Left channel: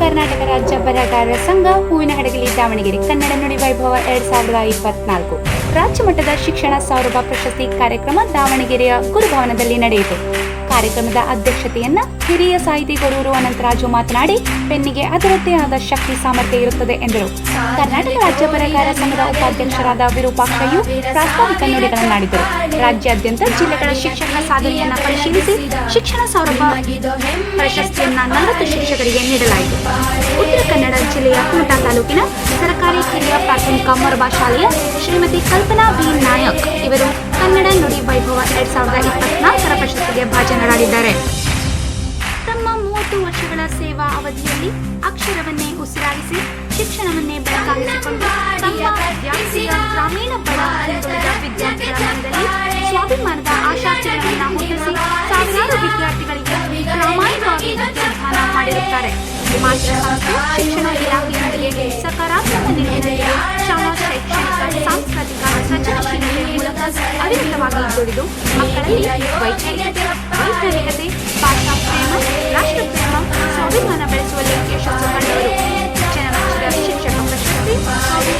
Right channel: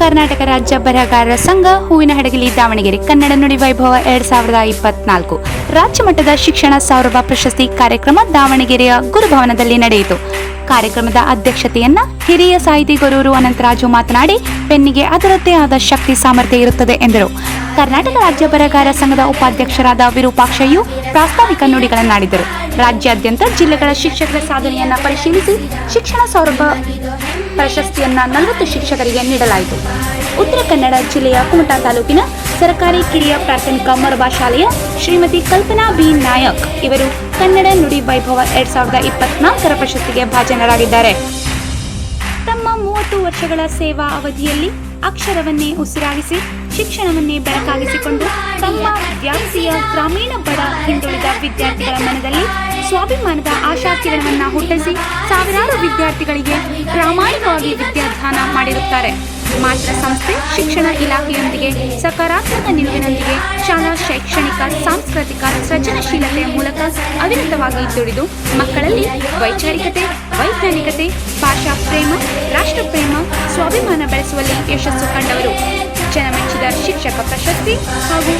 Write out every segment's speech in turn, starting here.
ಕರ್ನಾಟಕ ರಾಜ್ಯ ಬರಹಗಾರರ ಸಂಘ ಹೂವಿನಹಡಗಲಿ ದಾವಣಗೆರೆ ಕನ್ನಡ ನುಡಿ ವೈಭವ 2024 ರಾಜ್ಯ ಮಟ್ಟದ ಶಿಕ್ಷಣ ಸೌರಭ ಪ್ರಶಸ್ತಿ ಕಾರ್ಯಕ್ರಮ ದಾವಣಗೆರೆಯ ಗುರುಭವನದಲ್ಲಿ ನಡೆಯಿತು. ಕಾರ್ಯಕ್ರಮದ ಅಧ್ಯಕ್ಷತೆಯನ್ನ ಹಿರಿಯ ಸಾಹಿತಿ ಗೊರೂರು ಅನಂತರಾಜು ಮಾತನಾಡಿ, ಪೆನ್ನಿಗೆ ಅದರದ್ದೇ ಆದ ಶಕ್ತಿ ಸಾಮರ್ಥ್ಯ ಇರುತ್ತದೆ ಎಂದರು. ಕರ್ನಾಟಕ ರಾಜ್ಯ ಬರಹಗಾರರ ಸಂಘದ ಉಪಾಧ್ಯಕ್ಷರಾದ ವಿರೂಪಾಕ್ಷಯ್ಯು ಪ್ರಾಸ್ತಾವಿಕ ನುಡಿಗಳನ್ನಾಡಿದರು. ರಾಜ್ಯಾದ್ಯಂತ ಜಿಲ್ಲೆಗಳ ಶಿಕ್ಷಕರ ಸಾಧನೆಯನ್ನ ಪರಿಶೀಲಿಸಿ ಶಿಕ್ಷಣ ಸೌರಭ ಪ್ರಶಸ್ತಿಯನ್ನ 40 ಶಿಕ್ಷಕರಿಗೆ ನೀಡಲಾಯಿತು. ಉತ್ತರ ಕನ್ನಡ ಜಿಲ್ಲೆಯ ಕುಮಟಾ ತಾಲೂಕಿನ ಸರ್ಕಾರಿ ಕಿರಿಯ ಪ್ರಾಥಮಿಕ ಮೊರಬಾ ಶಾಲೆಯ ಶ್ರೀಮತಿ ಕಲ್ಪನಾ ಬಿ ನಾಯಕ್ ಇವರು ಕನ್ನಡ ನುಡಿ ವೈಭವ 2024 ಪ್ರಶಸ್ತಿಗೆ ಭಾಜನರಾಗಿದ್ದಾರೆ. ತಮ್ಮ 30 ವರ್ಷಗಳ ಸೇವಾ ಅವಧಿಯಲ್ಲಿ ಅಕ್ಷರವನ್ನೇ ಉಸಿರಾಗಿಸಿ ಶಿಕ್ಷಣವನ್ನೇ ಬೆಳಕಾಗಿಸಿಕೊಂಡು ತಮ್ಮ ವ್ಯಾಪ್ತಿಯ ಗ್ರಾಮೀಣ ಬಡ ಹಿಂದುಳಿದ ವಿದ್ಯಾರ್ಥಿಗಳ ಮನದಲ್ಲಿ ಸ್ವಾಭಿಮಾನದ ಆಶಾಕಿರಣವನ್ನು ಹುಟ್ಟಿಸಿ ಸಾವಿರಾರು ವಿದ್ಯಾರ್ಥಿಗಳಿಗೆ ಪ್ರಾಮಾಣಿಕವಾಗಿ ವಿದ್ಯಾದಾನ ಮಾಡಿರುತ್ತಾರೆ. ಮಾತೃ ಸಂಸ್ಥೆ ಶಿಕ್ಷಣ ಇಲಾಖೆಯೊಂದಿಗೆ ಸಕಾರಾತ್ಮಕ ನಿಟ್ಟಿನಲ್ಲಿದೆ. ಶಾಲಾ ಶೈಕ್ಷಣಿಕ ಸಾಂಸ್ಕೃತಿಕ ಸೃಜನಶೀಲತೆ ಮೂಲಕ ಅವಿರತವಾಗಿ ದುಡಿದು ಮಕ್ಕಳಲ್ಲಿ ವೈಚಾರಿಕತೆ, ವೈಜ್ಞಾನಿಕತೆ, ಭಾಷಾ ಪ್ರೇಮ, ರಾಷ್ಟ್ರ ಪ್ರೇಮ, ಸ್ವಾಭಿಮಾನ ಬೆಳೆಸುವಲ್ಲಿ ಯಶಸ್ಸು ಕಂಡವರು. ಜನಮೆಚ್ಚಿದ ಶಿಕ್ಷಕ ಪ್ರಶಸ್ತಿ ಹಾಗೂ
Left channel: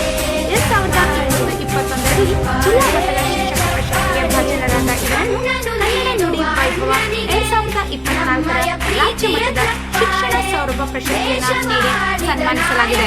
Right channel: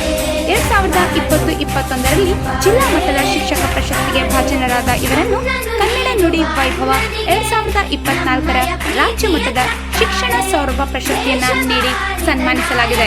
2020-21ರಲ್ಲಿ ಜಿಲ್ಲಾ ಮಟ್ಟದ ಶಿಕ್ಷಕ ಪ್ರಶಸ್ತಿಗೆ ಭಾಜನರಾದ ಇವರನ್ನು ಕನ್ನಡ ನುಡಿ ವೈಭವ 2024 ರಾಜ್ಯ ಮಟ್ಟದ ಶಿಕ್ಷಣ ಸೌರಭ ಪ್ರಶಸ್ತಿಯನ್ನು ನೀಡಿ ಸನ್ಮಾನಿಸಲಾಗಿದೆ.